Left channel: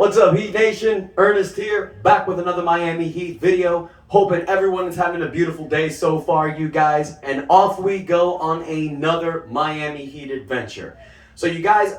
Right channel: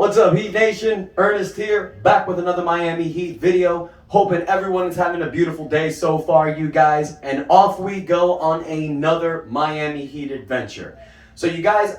What's up, Heat Nation? Ernest here, back with another Miami Heat video. Hoping everyone is having a beautiful day so far, you guys. And off we go on another Miami Heat adventure. So you guys,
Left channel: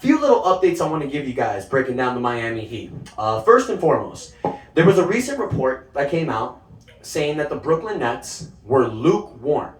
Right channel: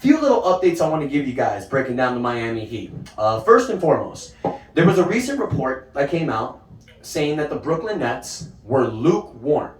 few little updates I want to give you guys breaking down the Miami Heat. First and foremost, there was a recent report that came out saying that the Brooklyn Nets were lukewarm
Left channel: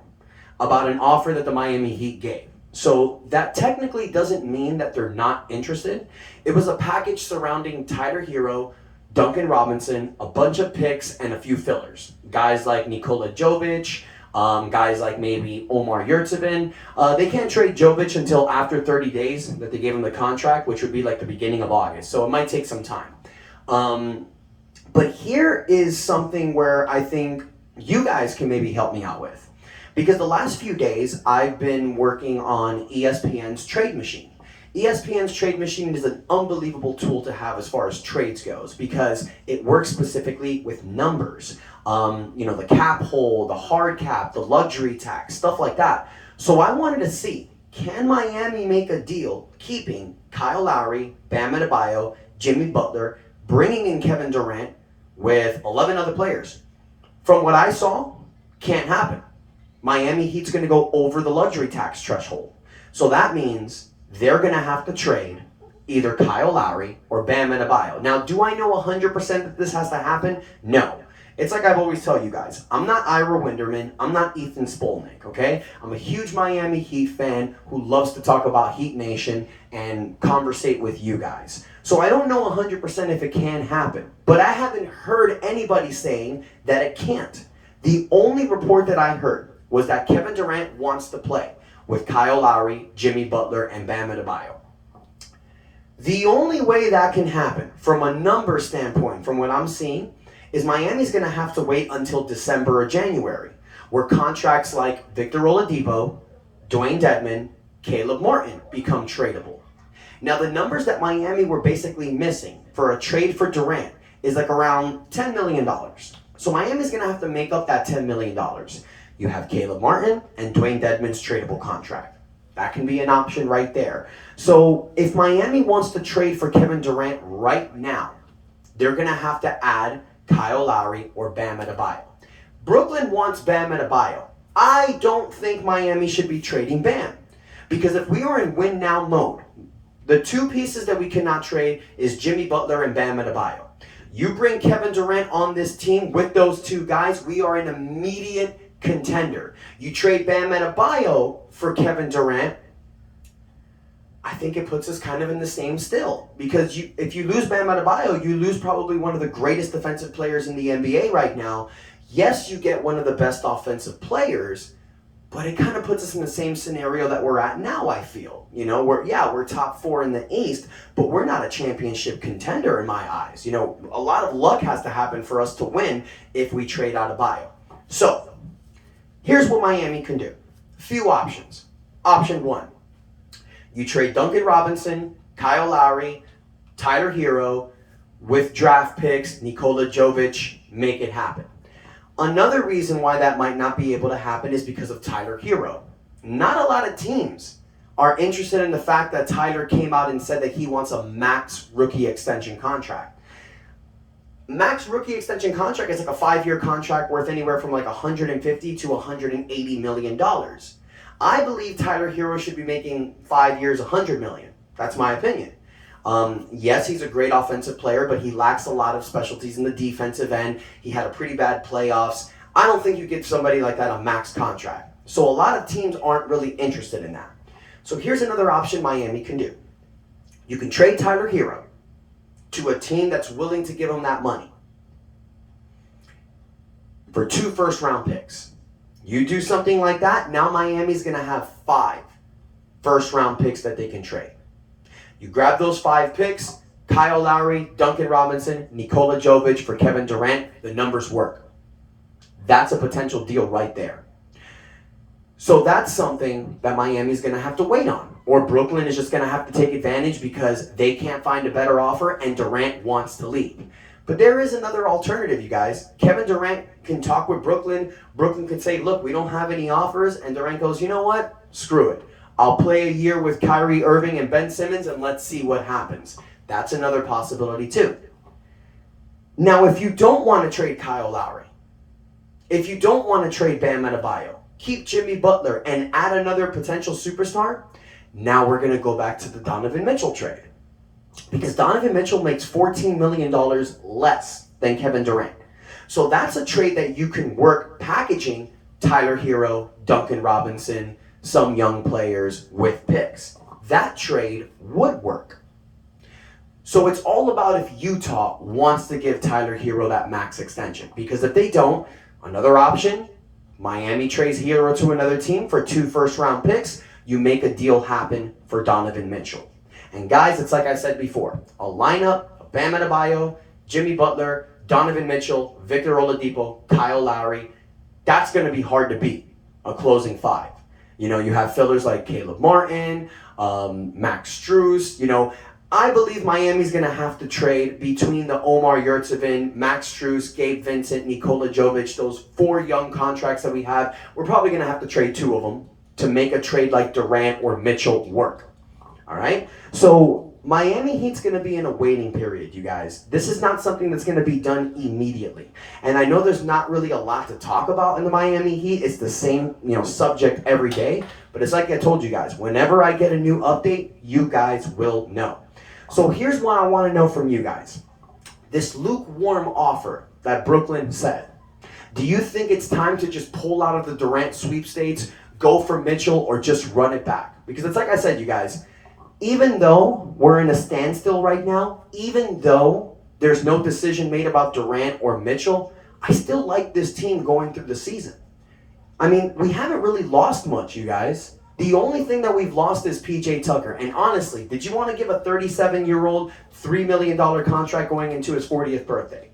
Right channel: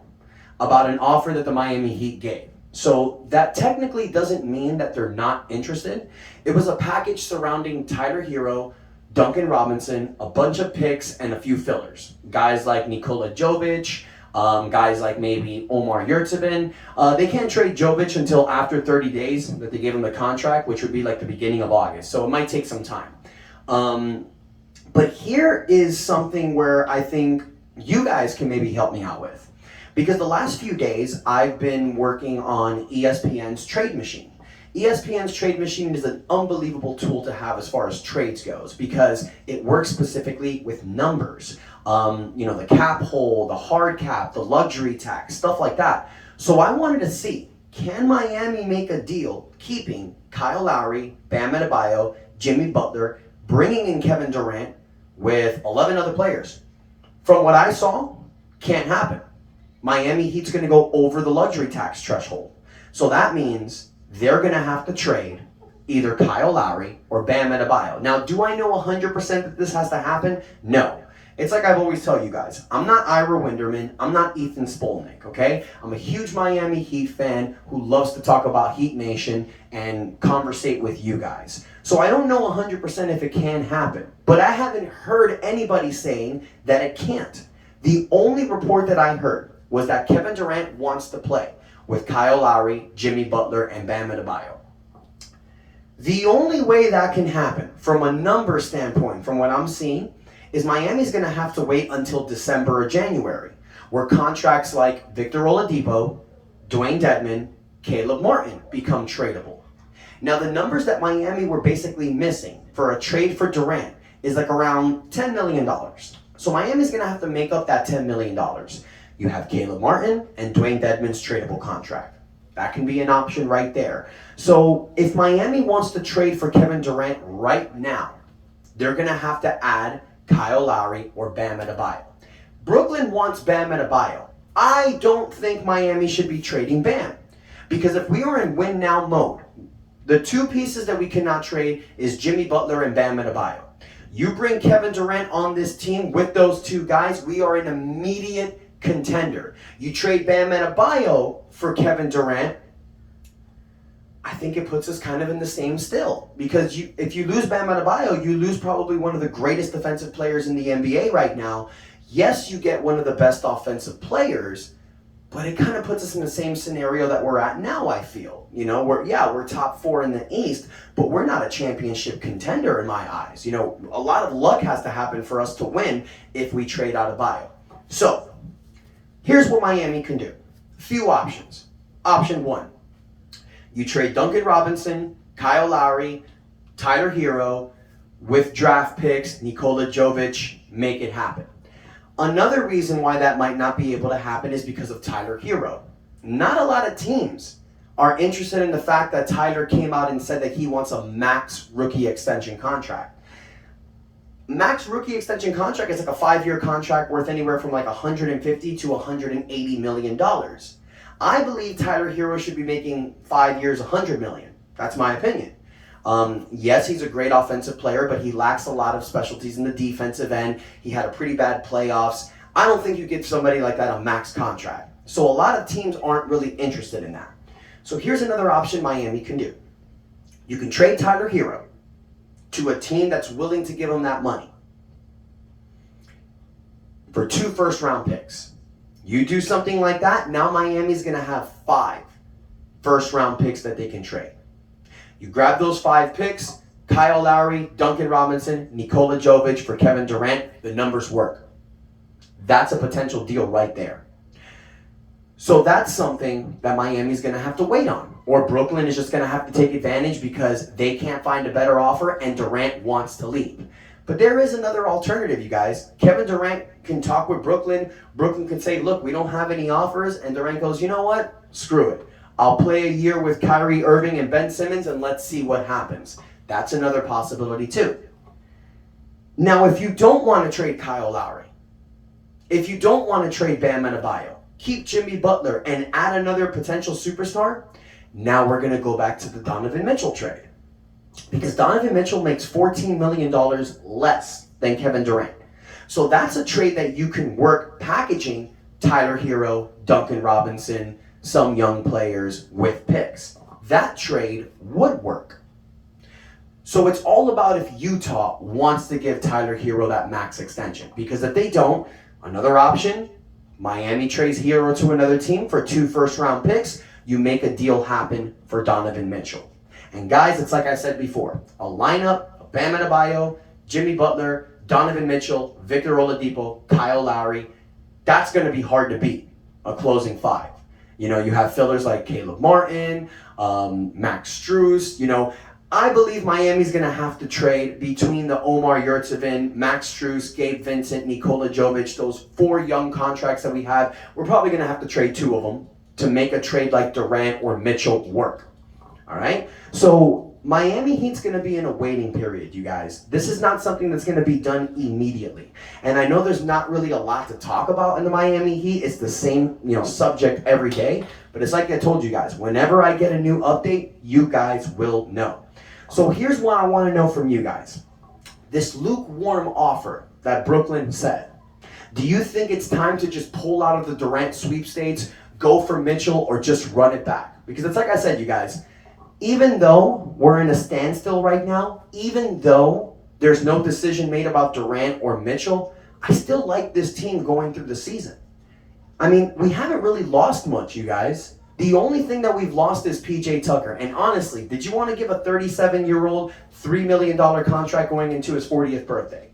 about an offer that the Miami Heat gave. So that technically doesn't mean that they're not interested. It was a package surrounding Tyler Herro, Duncan Robinson, a bunch of picks, and a few fillers. Guys like Nikola Jovic, guys like maybe Omar Yurtseven. They can't trade Jovic until after 30 days that they gave him the contract, which would be like the beginning of August. So it might take some time. But here is something where I think you guys can maybe help me out with. Because the last few days, I've been working on ESPN's Trade Machine. ESPN's Trade Machine is an unbelievable tool to have as far as trades goes because it works specifically with numbers. The cap hole, the hard cap, the luxury tax, stuff like that. So I wanted to see, can Miami make a deal keeping Kyle Lowry, Bam Adebayo, Jimmy Butler, bringing in Kevin Durant with 11 other players? From what I saw, can't happen. Miami Heat's going to go over the luxury tax threshold. So that means they're going to have to trade either Kyle Lowry or Bam Adebayo. Now, do I know 100% that this has to happen? No. It's like I've always tell you guys, I'm not Ira Winderman, I'm not Ethan Spolnick, okay? I'm a huge Miami Heat fan who loves to talk about Heat Nation and conversate with you guys. So I don't know 100% if it can happen, but I haven't heard anybody saying that it can't. The only report that I heard was that Kevin Durant wants to play with Kyle Lowry, Jimmy Butler, and Bam Adebayo. The only way that can happen from a number standpoint, from what I'm seeing, is Miami's going to have to wait until December or January, where contracts like Victor Oladipo, Dwayne Dedmon, Caleb Martin become tradable. Now, the numbers that Miami were basically missing for a trade for Durant is like around $10 million. So Miami's going to have to make up that $10 million. You have Caleb Martin and Dwayne Dedmon's tradable contract. That can be an option right there. So if Miami wants to trade for Kevin Durant right now, they're going to have to add Kyle Lowry or Bam Adebayo. Brooklyn wants Bam Adebayo. I don't think Miami should be trading Bam. Because if we are in win now mode, the two pieces that we cannot trade is Jimmy Butler and Bam Adebayo. You bring Kevin Durant on this team with those two guys, we are an immediate contender. You trade Bam Adebayo for Kevin Durant, I think it puts us kind of in the same still. Because if you lose Bam Adebayo, you lose probably one of the greatest defensive players in the NBA right now. Yes, you get one of the best offensive players, but it kind of puts us in the same scenario that we're at now, I feel. We're top 4 in the East, but we're not a championship contender in my eyes. A lot of luck has to happen for us to win if we trade Adebayo. So, here's what Miami can do. Few options. Option 1, you trade Duncan Robinson, Kyle Lowry, Tyler Herro with draft picks, Nikola Jovic, make it happen. Another reason why that might not be able to happen is because of Tyler Herro. Not a lot of teams are interested in the fact that Tyler came out and said that he wants a max rookie extension contract. Max rookie extension contract is like a 5-year contract worth anywhere from like $150 to $180 million. I believe Tyler Herro should be making 5 years, $100 million. That's my opinion. Yes, he's a great offensive player, but he lacks a lot of specialties in the defensive end. He had a pretty bad playoffs. I don't think you give somebody like that a max contract. So a lot of teams aren't really interested in that. So here's another option Miami can do. You can trade Tyler Herro to a team that's willing to give him that money for 2 first-round picks. You do something like that, now Miami's going to have 5 first-round picks that they can trade. You grab those 5 picks, Kyle Lowry, Duncan Robinson, Nikola Jovic for Kevin Durant, the numbers work. That's a potential deal right there. So that's something that Miami's going to have to wait on. Or Brooklyn is just going to have to take advantage because they can't find a better offer and Durant wants to leave. But there is another alternative, you guys. Kevin Durant can talk with Brooklyn. Brooklyn can say, look, we don't have any offers. And Durant goes, you know what? Screw it. I'll play a year with Kyrie Irving and Ben Simmons and let's see what happens. That's another possibility too. Now, if you don't want to trade Kyle Lowry, if you don't want to trade Bam Adebayo, keep Jimmy Butler and add another potential superstar, now we're going to go back to the Donovan Mitchell trade. Because Donovan Mitchell makes $14 million less than Kevin Durant. So that's a trade that you can work packaging Tyler Herro, Duncan Robinson, some young players with picks. That trade would work. So it's all about if Utah wants to give Tyler Herro that max extension. Because if they don't, another option, Miami trades Herro to another team for 2 first-round picks. You make a deal happen for Donovan Mitchell. And guys, it's like I said before, a lineup of Bam Adebayo, Jimmy Butler, Donovan Mitchell, Victor Oladipo, Kyle Lowry, that's going to be hard to beat, a closing 5. You know, you have fillers like Caleb Martin, Max Strus. I believe Miami's going to have to trade between the Omar Yurtseven, Max Strus, Gabe Vincent, Nikola Jovic, those 4 young contracts that we have. We're probably going to have to trade 2 of them to make a trade like Durant or Mitchell work. All right? So Miami Heat's going to be in a waiting period, you guys. This is not something that's going to be done immediately. And I know there's not really a lot to talk about in the Miami Heat. It's the same, subject every day. But it's like I told you guys, whenever I get a new update, you guys will know. So here's what I want to know from you guys. This lukewarm offer that Brooklyn said, do you think it's time to just pull out of the Durant sweepstakes, go for Mitchell, or just run it back? Because it's like I said, you guys, even though we're in a standstill right now, even though there's no decision made about Durant or Mitchell, I still like this team going through the season. I mean, we haven't really lost much, you guys. The only thing that we've lost is PJ Tucker. And honestly, did you want to give a 37-year-old $3 million contract going into his 40th birthday?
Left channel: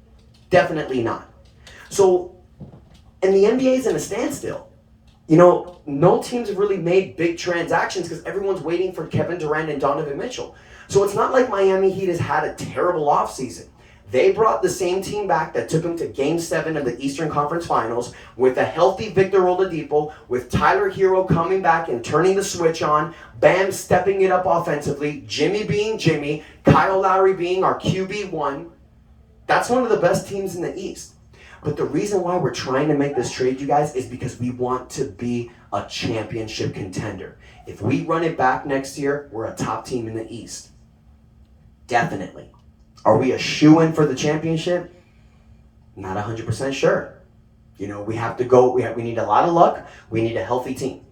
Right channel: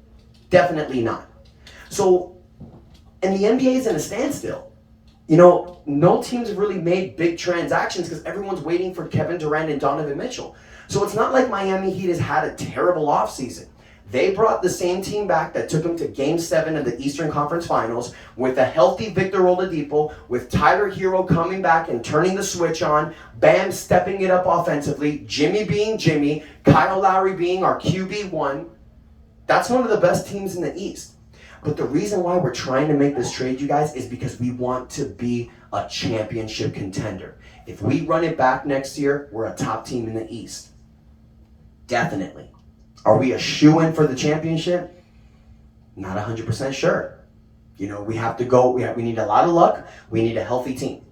Definitely not. So, and the NBA is in a standstill. No teams have really made big transactions because everyone's waiting for Kevin Durant and Donovan Mitchell. So it's not like Miami Heat has had a terrible offseason. They brought the same team back that took them to Game 7 of the Eastern Conference Finals with a healthy Victor Oladipo, with Tyler Herro coming back and turning the switch on, Bam stepping it up offensively, Jimmy being Jimmy, Kyle Lowry being our QB1. That's one of the best teams in the East. But the reason why we're trying to make this trade, you guys, is because we want to be a championship contender. If we run it back next year, we're a top team in the East. Definitely. Are we a shoo-in for the championship? Not 100% sure. We have to go, we need a lot of luck, we need a healthy team.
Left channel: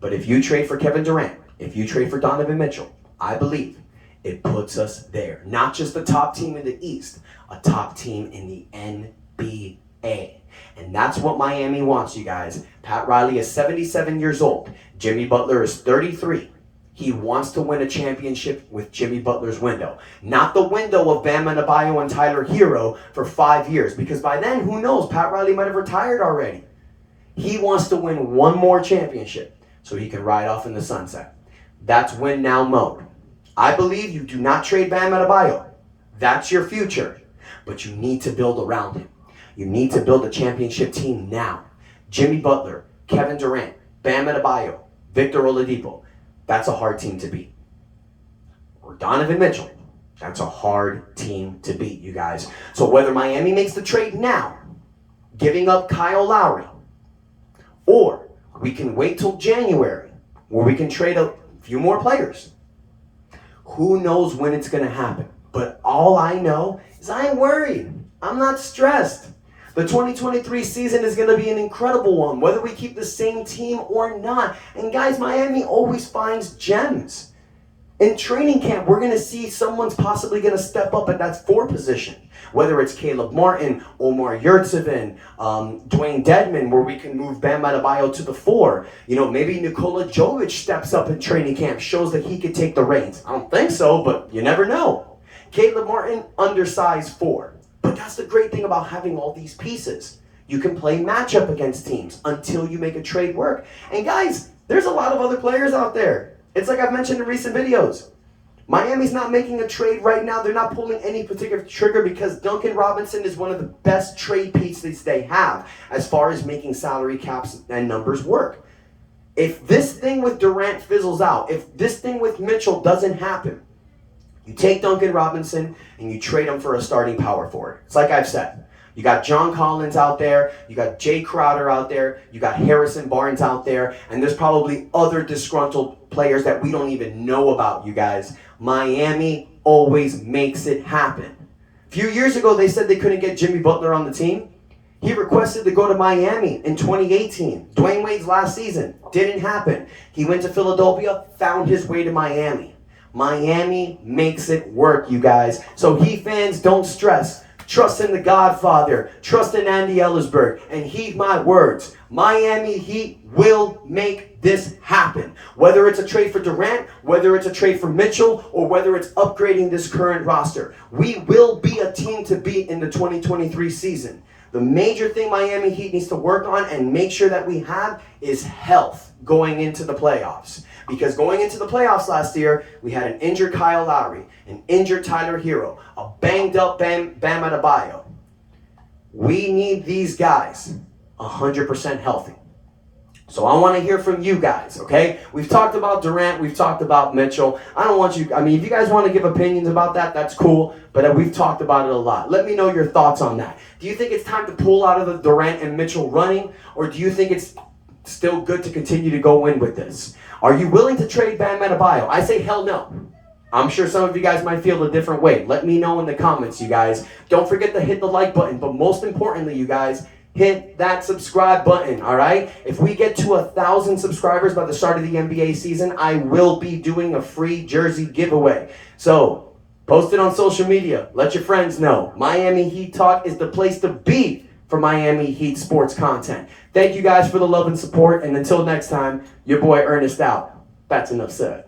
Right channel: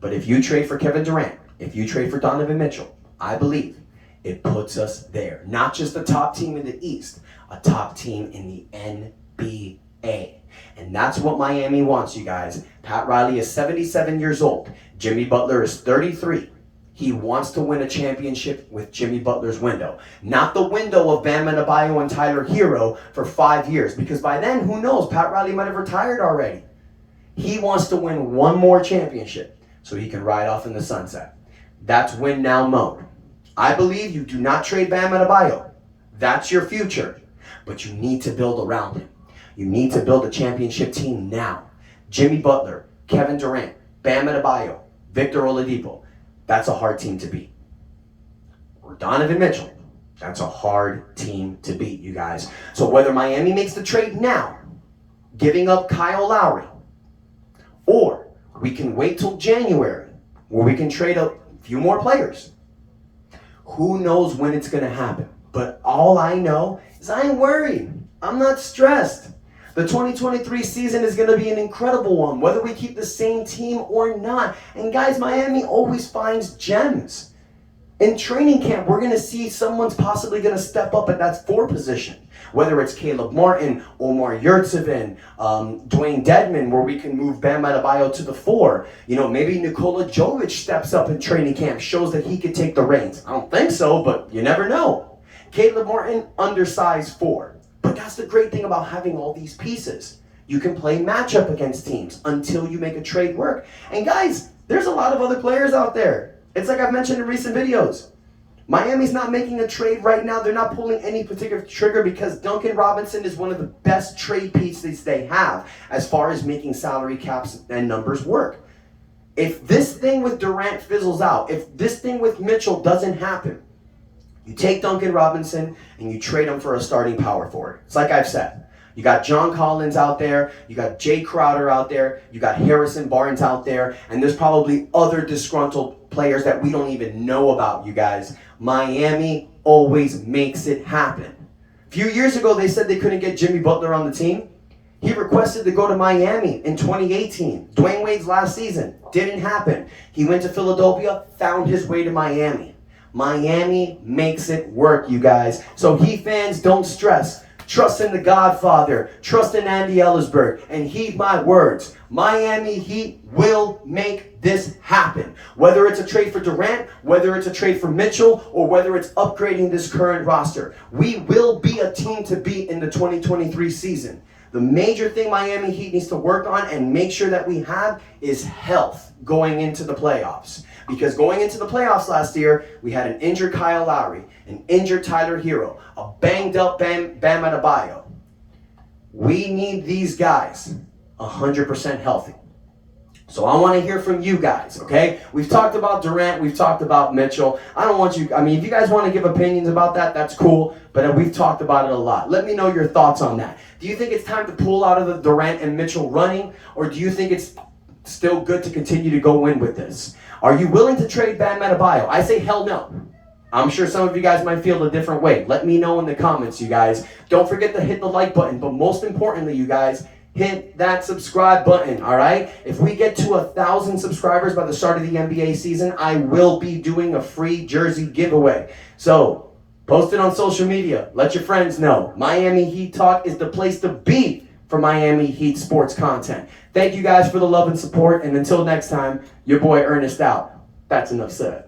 But if you trade for Kevin Durant, if you trade for Donovan Mitchell, I believe it puts us there. Not just the top team in the East, a top team in the NBA. And that's what Miami wants, you guys. Pat Riley is 77 years old. Jimmy Butler is 33. He wants to win a championship with Jimmy Butler's window. Not the window of Bam Adebayo and Tyler Herro for 5 years. Because by then, who knows? Pat Riley might have retired already. He wants to win one more championship so he can ride off in the sunset. That's win now mode. I believe you do not trade Bam Adebayo. That's your future. But you need to build around him. You need to build a championship team now. Jimmy Butler, Kevin Durant, Bam Adebayo, Victor Oladipo. That's a hard team to beat. Or Donovan Mitchell. That's a hard team to beat, you guys. So whether Miami makes the trade now, giving up Kyle Lowry, or we can wait till January, where we can trade a few more players. Who knows when it's going to happen? But all I know is I ain't worried. I'm not stressed. The 2023 season is going to be an incredible one, whether we keep the same team or not. And guys, Miami always finds gems. In training camp, we're going to see someone's possibly going to step up at that 4 position. Whether it's Caleb Martin, Omar Yurtseven, Dwayne Dedman, where we can move Bam Adebayo to the 4. Maybe Nikola Jovic steps up in training camp, shows that he could take the reins. I don't think so, but you never know. Caleb Martin, undersized 4. But that's the great thing about having all these pieces. You can play matchup against teams until you make a trade work. And guys, there's a lot of other players out there. It's like I've mentioned in recent videos. Miami's not making a trade right now. They're not pulling any particular trigger because Duncan Robinson is one of the best trade pieces they have as far as making salary caps and numbers work. If this thing with Durant fizzles out, if this thing with Mitchell doesn't happen, You take Duncan Robinson and you trade him for a starting power forward. It's like I've said. You got John Collins out there, you got Jay Crowder out there, you got Harrison Barnes out there, and there's probably other disgruntled players that we don't even know about, you guys. Miami always makes it happen. A few years ago, they said they couldn't get Jimmy Butler on the team. He requested to go to Miami in 2018. Dwayne Wade's last season. Didn't happen. He went to Philadelphia, found his way to Miami. Miami makes it work, you guys. So Heat fans, don't stress. Trust in the Godfather. Trust in Andy Ellisberg. And heed my words. Miami Heat will make this happen. Whether it's a trade for Durant, whether it's a trade for Mitchell, or whether it's upgrading this current roster. We will be a team to beat in the 2023 season. The major thing Miami Heat needs to work on and make sure that we have is health going into the playoffs. Because going into the playoffs last year, we had an injured Kyle Lowry, an injured Tyler Herro, a banged up Bam Adebayo. We need these guys 100% healthy. So I want to hear from you guys, okay? We've talked about Durant, we've talked about Mitchell. If you guys want to give opinions about that, that's cool, but we've talked about it a lot. Let me know your thoughts on that. Do you think it's time to pull out of the Durant and Mitchell running, or do you think it's still good to continue to go in with this? Are you willing to trade Bam Adebayo? I say hell no. I'm sure some of you guys might feel a different way. Let me know in the comments, you guys. Don't forget to hit the like button, but most importantly, you guys, hit that subscribe button, all right? If we get to 1,000 subscribers by the start of the NBA season, I will be doing a free jersey giveaway. So, post it on social media. Let your friends know. Miami Heat Talk is the place to be for Miami Heat sports content. Thank you guys for the love and support, and until next time, your boy Ernest out. That's enough said.